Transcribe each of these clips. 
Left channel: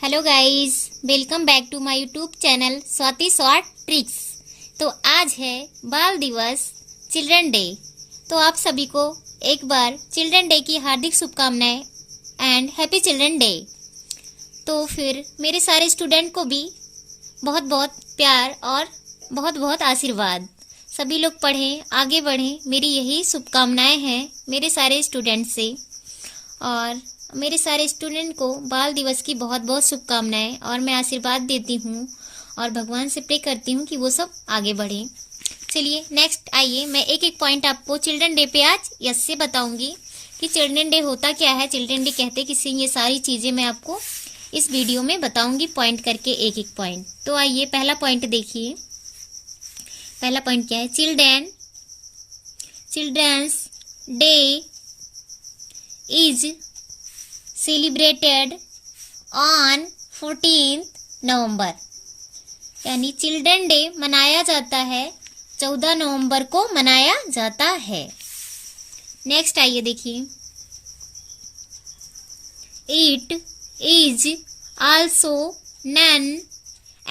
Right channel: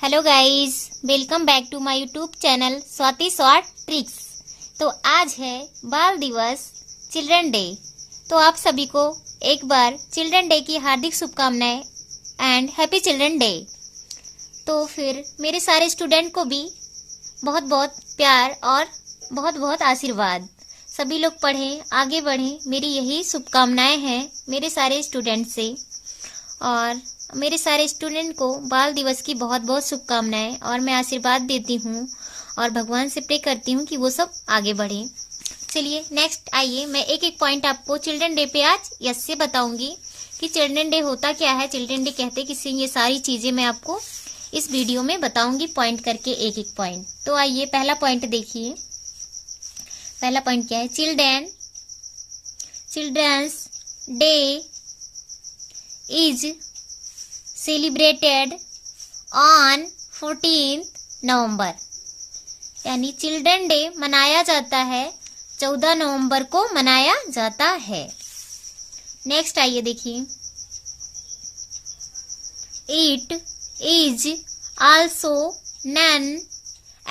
Hello guys, welcome back to my YouTube channel Swati short tricks. तो आज है बाल दिवस, चिल्ड्रन डे। तो आप सभी को एक बार चिल्ड्रन डे की हार्दिक शुभकामनाएं एंड हैप्पी चिल्ड्रन डे। तो फिर मेरे सारे स्टूडेंट को भी बहुत बहुत प्यार और बहुत बहुत आशीर्वाद। सभी लोग पढ़ें, आगे बढ़ें, मेरी यही शुभकामनाएं हैं मेरे सारे स्टूडेंट से। और मेरे सारे स्टूडेंट को बाल दिवस की बहुत बहुत शुभकामनाएं और मैं आशीर्वाद देती हूँ और भगवान से प्रे करती हूँ कि वो सब आगे बढ़ें। चलिए नेक्स्ट आइए, मैं एक एक पॉइंट आपको चिल्ड्रन डे पे आज यस से बताऊंगी कि चिल्ड्रन डे होता क्या है, चिल्ड्रन डे कहते किसे, ये सारी चीज़ें मैं आपको इस वीडियो में बताऊंगी पॉइंट करके, एक एक पॉइंट। तो आइए पहला पॉइंट देखिए। पहला पॉइंट क्या है? Children's day is celebrated on 14 November. यानी चिल्ड्रन डे मनाया जाता है 14 नवंबर को मनाया जाता है। नेक्स्ट आइए देखिए, it is also known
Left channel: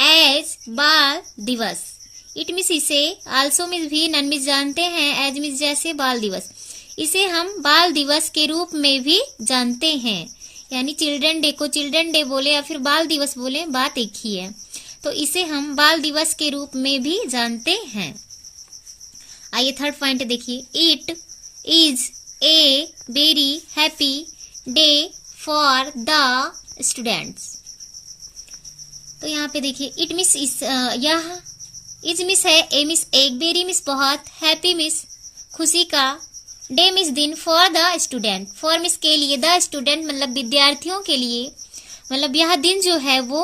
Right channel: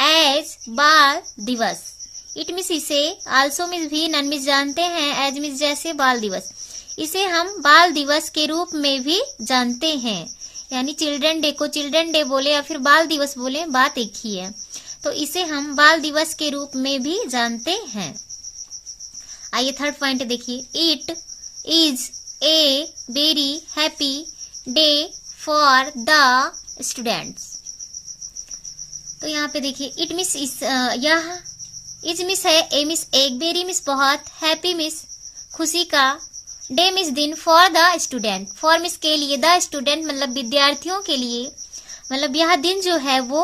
as Bal Diwas. It means इसे, आल्सो मीन्स भी, नन मीन्स जानते हैं, एज मीन्स जैसे, बाल दिवस। इसे हम बाल दिवस के रूप में भी जानते हैं। यानी चिल्ड्रन डे को चिल्ड्रन डे बोले या फिर बाल दिवस बोले, बात एक ही है। तो इसे हम बाल दिवस के रूप में भी जानते हैं। आइए थर्ड पॉइंट देखिए, it is a very happy day for the students. तो यहाँ पे देखिए, इट मिस इस, यह इज मिस है, ए मिस एक, वेरी मिस बहुत, हैप्पी मिस खुशी का, डे मिस दिन, for the student, for miss के लिए, द स्टूडेंट मतलब विद्यार्थियों के लिए, मतलब यह दिन जो है वो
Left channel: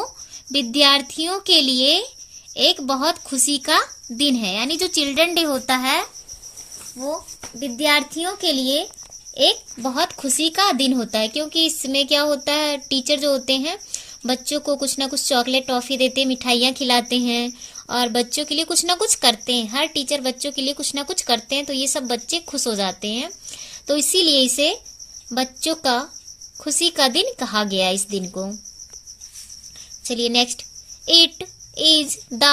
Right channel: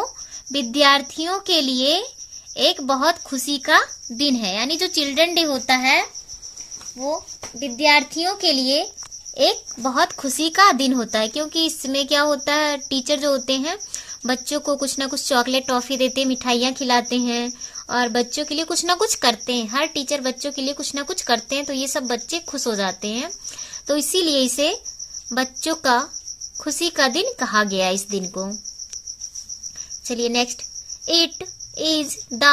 विद्यार्थियों के लिए एक बहुत खुशी का दिन है। यानी जो चिल्ड्रन डे होता है वो विद्यार्थियों के लिए एक बहुत खुशी का दिन होता है, क्योंकि इसमें क्या होता है, टीचर जो होते हैं बच्चों को कुछ ना कुछ चॉकलेट टॉफी देते हैं, मिठाइयाँ खिलाते हैं और बच्चों के लिए कुछ ना कुछ करते हैं। हर टीचर बच्चों के लिए कुछ ना कुछ करते हैं, तो ये सब बच्चे खुश हो जाते हैं। तो इसीलिए इसे बच्चों का खुशी का दिन कहा गया इस दिन को। चलिए next, it is the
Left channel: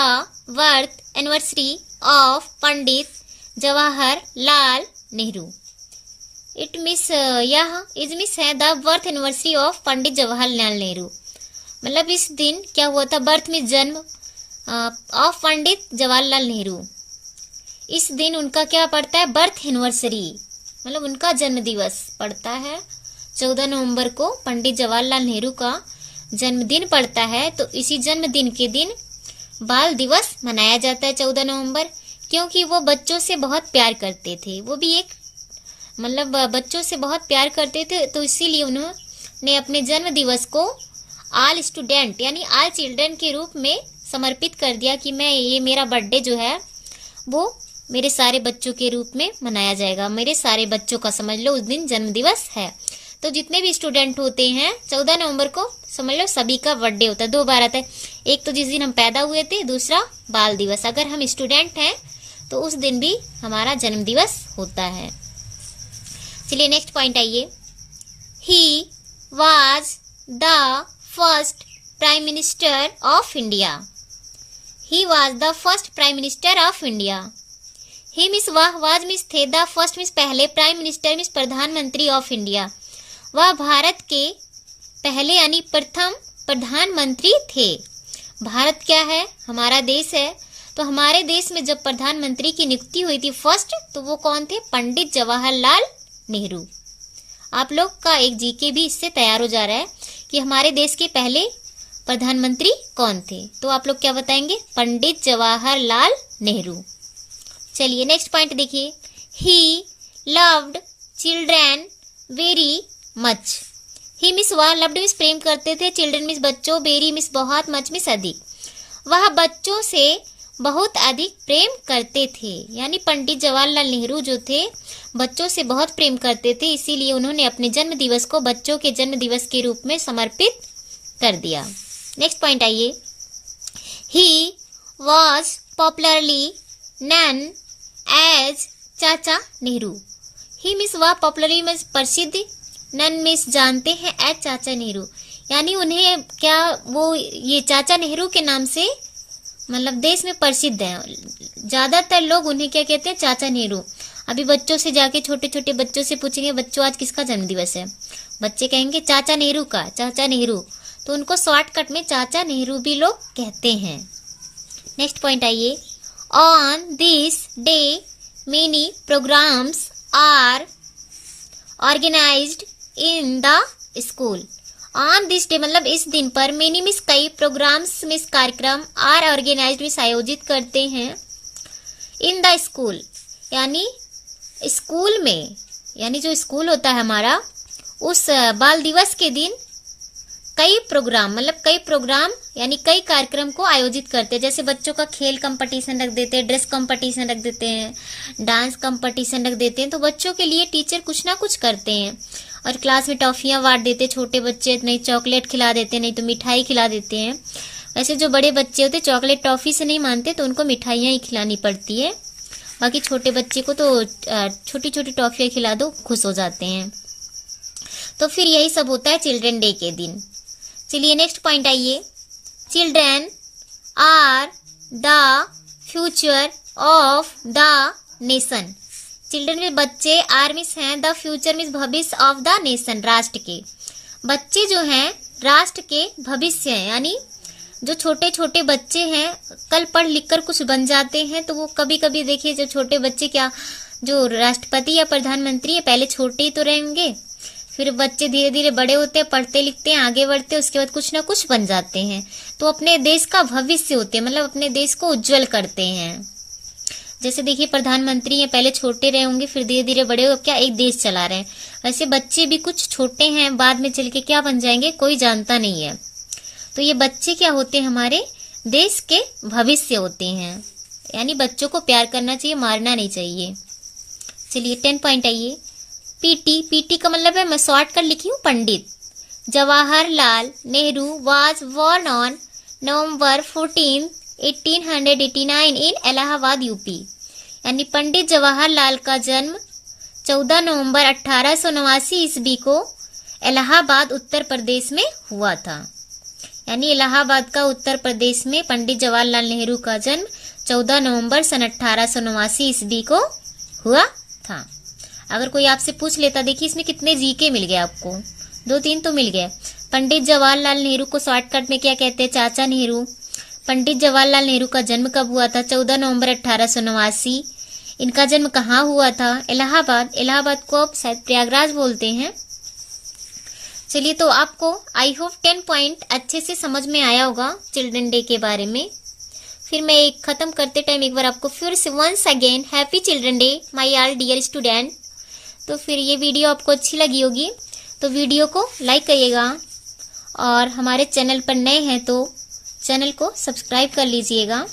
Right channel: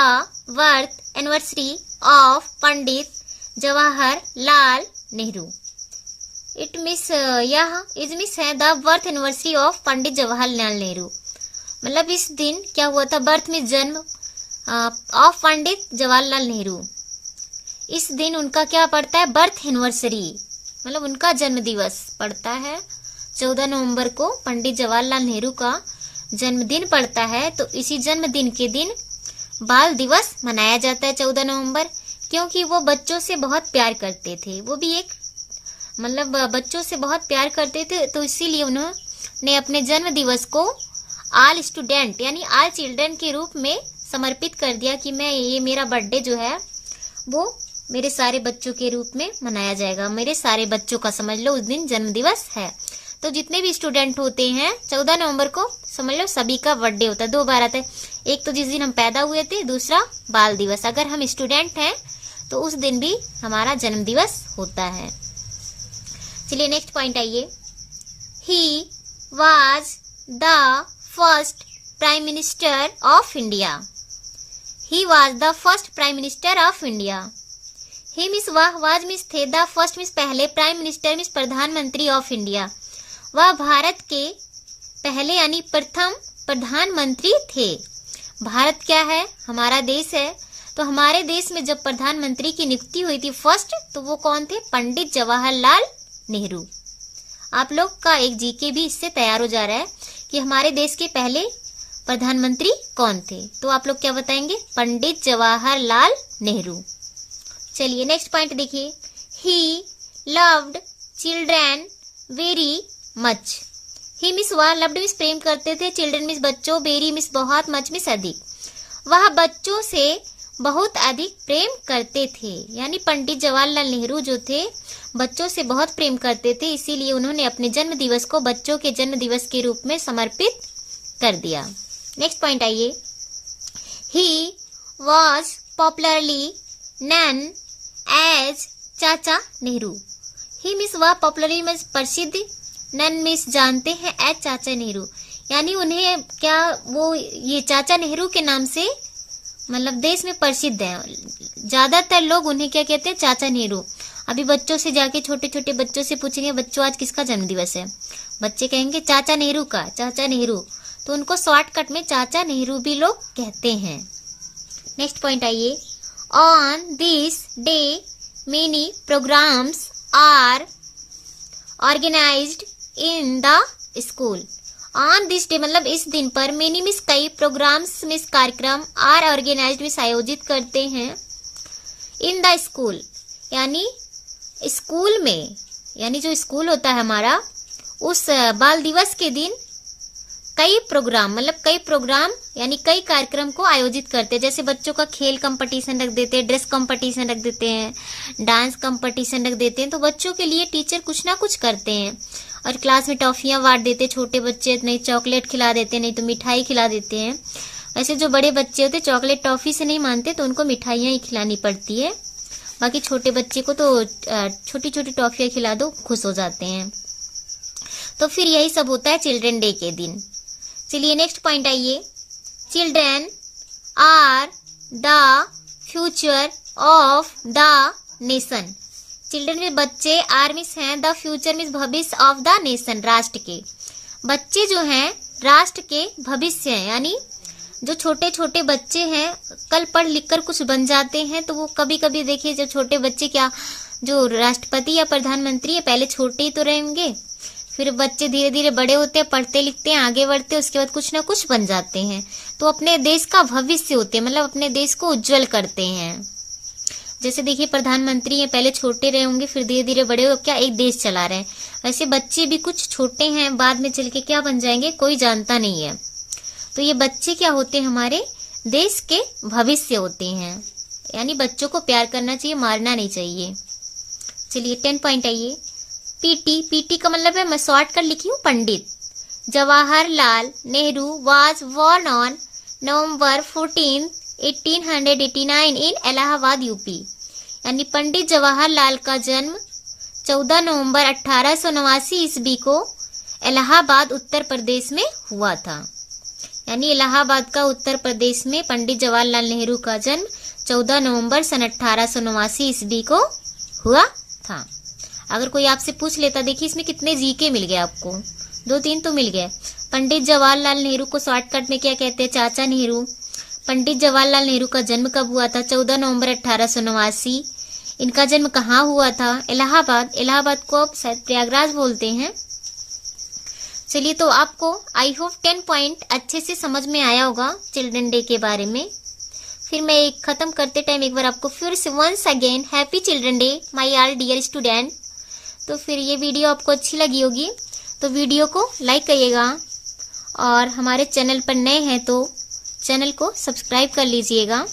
birth anniversary of Pandit Jawaharlal Nehru. It miss, यह इज मिस है द बर्थ एनिवर्सरी ऑफ पंडित जवाहरलाल नेहरू। मतलब इस दिन क्या हुआ था, बर्थ में जन्म ऑफ पंडित जवाहरलाल नेहरू। इस दिन उनका क्या पड़ता है, बर्थ एनिवर्सरी, मतलब उनका जन्म दिवस पड़ता है 14 नवंबर को। पंडित जवाहरलाल नेहरू का जन्मदिन पड़ता है, तो इसी जन्मदिन के दिन बाल दिवस मनाया जाता है 14 नवंबर, क्योंकि वो बच्चों से बहुत प्यार करते थे। वो भी एक मतलब बच्चों से बहुत प्यार करते थे, तो इसीलिए उन्होंने अपने जन्म दिवस को आल स्टूडेंट यानी आल चिल्ड्रन के रूप में समर्पित कर दिया कि मैं, ये मेरा बर्थडे जो है वो मेरे सारे बच्चों के रूप में मनाया जाएगा। मेरे सारे बच्चों का समझ लो उस दिन जन्म दिवस है। तो जितने भी स्टूडेंट होते हैं 14 नवंबर को समझ लो सभी का बर्थडे होता है। 2 बार आता है, एक तो जिस दिन हम पैदा हुए थे, दूसरा बाल दिवस। अगर हम स्टूडेंट हैं तो उस दिन भी हमारा जन्म दिवस होता है। चलिए नेक्स्ट पॉइंट आइए, he was the first prime minister of India. He was the first prime minister of India. He miss वह, was मिस थे, the first मिस पहले, प्राइम मिनिस्टर मिस प्रधानमंत्री ऑफ इंडिया। वह भारत के पहले यानी प्रथम प्रधानमंत्री थे। भारत क्या है, हमारा देश है। तो हमारे देश में जब प्रधानमंत्री की नियुक्ति हुई थी फर्स्ट, तो वो कौन थे, पंडित जवाहरलाल नेहरू। आप लोग का एक जीके भी इससे तैयार हो जा रहा है कि हमारे देश के पहले प्रधानमंत्री कौन थे। तो आप लोग क्या बताएंगे, पंडित जवाहरलाल नेहरू। चलिए नेक्स्ट पॉइंट देखिए, he loved children very much. He means वह, लव्ड मिस प्रेम करते थे, चिल्ड्रन मिस बच्चों, वेरी मिस बहुत, मच मिस अधिक। वह बच्चों से बहुत अधिक प्रेम करते थे। यानी पंडित जवाहरलाल नेहरू जो थे बच्चों से बहुत प्रेम करते थे, इसीलिए उन्होंने अपने जन्म दिवस को बच्चों के जन्म दिवस के रूप में समर्पित कर दिया। नेक्स्ट पॉइंट आइए, he was popularly known as Chacha Nehru. He means वह, पॉपुलरली मिस प्रसिद्ध, नन मिस जानते हैं, एज चाचा नेहरू। यानी उन्हें क्या वो ये चाचा नेहरू के नाम से मतलब देश में प्रसिद्ध है। ज्यादातर लोग उन्हें क्या कहते हैं, चाचा नेहरू। अभी बच्चों से जाके छोटे छोटे बच्चों से पूछेंगे, बच्चों आज किसका जन्मदिवस है, बच्चे कहेंगे चाचा नेहरू का, चाचा नेहरू। तो उनको शॉर्टकट में चाचा नेहरू भी लोग कहते हैं। नेक्स्ट पॉइंट आइए, on this day many programs are organised in the school. On this day मतलब इस दिन पर, मेनी मिस कई, प्रोग्राम्स मिस कार्यक्रम, आर ऑर्गेनाइज्ड मिस आयोजित करते हैं, इन द स्कूल यानी स्कूल में, यानी जो स्कूल होता है हमारा, उस बाल दिवस के दिन कई प्रोग्राम मतलब कई प्रोग्राम यानी कई कार्यक्रम को आयोजित करते हैं। जैसे बच्चों का खेल कंपटीशन रख देते हैं, ड्रेस कंपटीशन रख देते हैं, डांस कंपटीशन रख देते हैं। तो बच्चों के लिए टीचर कुछ ना कुछ करते हैं। और क्लास में टॉफियां बांट देते, छोटे बच्चे नहीं चॉकलेट खिला देते, नहीं तो मिठाई खिला देते हैं। वैसे जो बड़े बच्चे होते चॉकलेट टॉफी से नहीं मानते, तो उनको मिठाइयां ही खिलानी पड़ती है। बाकी छोटे बच्चे को तो छोटी छोटी टॉफियां खिला दो, खुश हो जाते हैं। तो फिर यही सब होता है चिल्ड्रन डे के दिन। चलिए नेक्स्ट पॉइंट आइए, children are the future of the nation. Children में बच्चे, आर मिस हैं, द फ्यूचर मिस भविष्य, ऑफ द नेशन राष्ट्र के। बच्चे जो हैं राष्ट्र के भविष्य हैं, यानी जो छोटे छोटे बच्चे हैं कल पढ़ लिख कर कुछ बन जाते हैं। तो वो कभी कभी देखिए जो छोटे बच्चे क्या जो राष्ट्रपति या प्रधानमंत्री है, पहले छोटे ही तो रहेंगे, फिर बच्चे धीरे धीरे बड़े होते हैं, पढ़ते लिखते हैं, आगे बढ़ते हैं, उसके बाद कुछ ना कुछ बन जाते हैं। तो अपने देश का भविष्य होते हैं, मतलब अपने देश को उज्जवल करते हैं। जैसे देखिए प्रधानमंत्री हैं, पहले छोटे रहे होंगे, फिर धीरे धीरे बड़े हो क्या एक देश चला रहे हैं। वैसे बच्चे भी कुछ छोटे हैं, बाद में चल के क्या बन जाएंगे कोई जानता नहीं है। तो ये बच्चे क्या होते हैं, हमारे देश के भविष्य होते हैं। यानी बच्चों को प्यार करना चाहिए, मारना नहीं चाहिए। चलिए 10 पॉइंट आइए, पीटी। पीटी का मतलब है, मैं शॉर्ट कर लिखी हूँ, Pandit Jawaharlal Nehru was born on November 14, 1889 in Allahabad UP. यानी पंडित जवाहरलाल का जन्म 14 नवंबर 1889 ईस्वी को इलाहाबाद उत्तर प्रदेश में हुआ था। यानी इलाहाबाद का उत्तर प्रदेश में पंडित जवाहरलाल नेहरू का जन्म 14 नवंबर सन 1889 ईस्वी को हुआ था। अगर कोई आपसे पूछ लेता, देखिए इसमें कितने जीके मिल गए आपको, 2-3 तो मिल गए। पंडित जवाहरलाल नेहरू को शॉर्टकट में क्या कहते हैं, चाचा नेहरू। पंडित जवाहरलाल नेहरू का जन्म कब हुआ था, 14 नवंबर 1889। इनका जन्म कहाँ हुआ था, इलाहाबाद। इलाहाबाद को अब शायद प्रयागराज बोलते हैं। चलिए तो आपको आई होप 10 पॉइंट अच्छे से समझ में आया होगा चिल्ड्रन डे के बारे में। फिर मैं एक खत्म करते टाइम एक बार आपको फिर से once again happy children day my all dear student. तो फिर ये वीडियो आपको अच्छी लगी होगी तो वीडियो को लाइक करिएगा, और हमारे चैनल पर नए हैं तो चैनल को सब्सक्राइब कर लीजिएगा।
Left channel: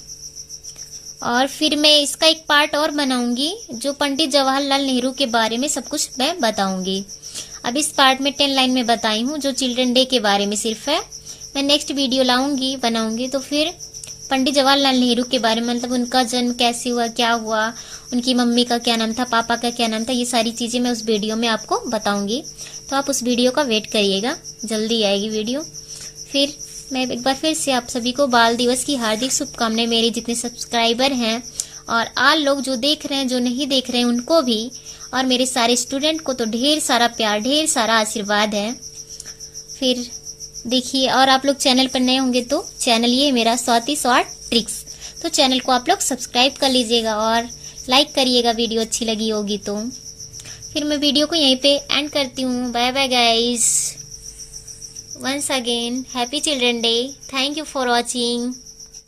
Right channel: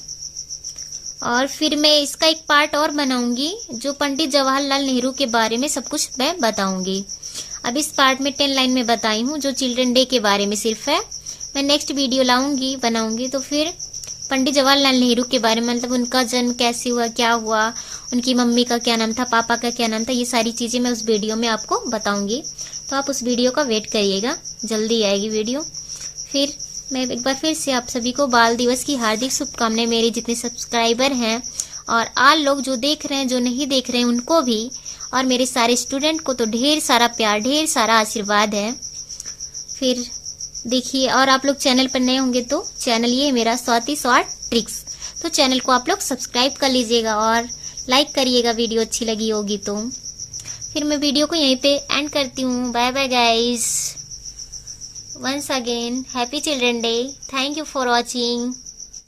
और फिर मैं इसका एक पार्ट और बनाऊंगी जो पंडित जवाहरलाल नेहरू के बारे में सब कुछ मैं बताऊंगी। अब इस पार्ट में 10 लाइन में बताई हूँ जो चिल्ड्रन डे के बारे में सिर्फ है। मैं नेक्स्ट वीडियो लाऊंगी बनाऊंगी तो फिर पंडित जवाहरलाल नेहरू के बारे में, मतलब उनका जन्म कैसे हुआ, क्या हुआ, उनकी मम्मी का क्या नाम था, पापा का क्या नाम था, ये सारी चीजें मैं उस वीडियो में आपको बताऊंगी। तो आप उस वीडियो का वेट करिएगा, जल्दी आएगी वीडियो। फिर मैं एक बार फिर से आप सभी को बाल दिवस की हार्दिक शुभकामनाएं, मेरे जितने सब्सक्राइबर हैं और आल लोग जो देख रहे हैं, जो नहीं देख रहे हैं उनको भी, और मेरे सारे स्टूडेंट को तो ढेर सारा प्यार, ढेर सारा आशीर्वाद है। फिर देखिए, और आप लोग चैनल पर नए होंगे तो चैनल ये मेरा स्वाति शॉर्ट ट्रिक्स, तो चैनल को आप लोग सब्सक्राइब कर लीजिएगा और लाइक करिएगा वीडियो अच्छी लगी होगी तो। फिर मैं वीडियो को यहीं पे एंड करती हूँ। Bye bye guys, once again happy children day, thank you for watching.